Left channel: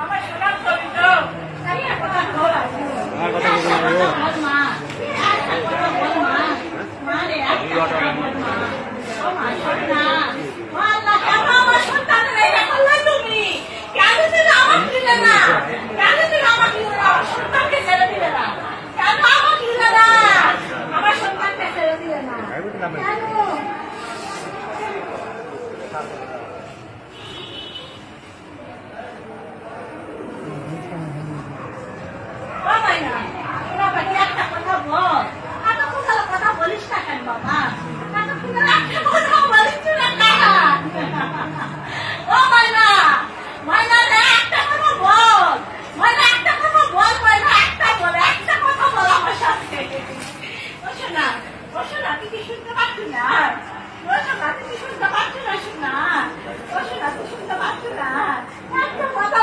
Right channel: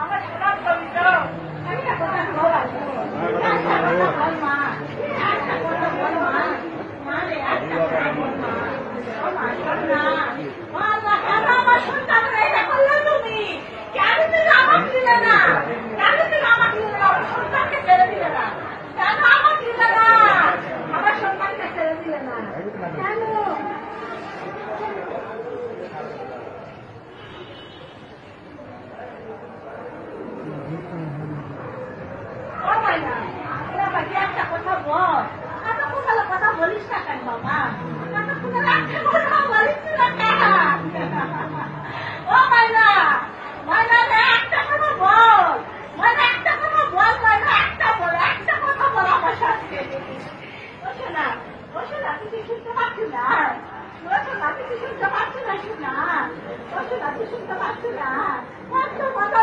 আমার সোনার ছবি তো কথা বল মা আমার সন্তানের এটা করলে তুমি কেন তুমি আমার দিলে না কেন তুমি আমার দিলে না আমার সন্তানকে ছেড়ে দিলে না কেন আমার দিলে না আমার সন্তানকে ছেড়ে দিলে না কেন একটা কথা বল এতক্ষণ কথা বলিস না কেন বাবা এতক্ষণ একটা কথা বলিস না ও মাইনা মাইনা একটা কথা বল মাইনা একটা কথা বল মাইনা একটা কথা বল আমার সাথে ও শোনা তুই কি শুনতে পাচ্ছি না ও শোনা তুই কি শুনতে পাচ্ছি না শোনা ও শোনা তুই শুনতে পাচ্ছি না একটা কথা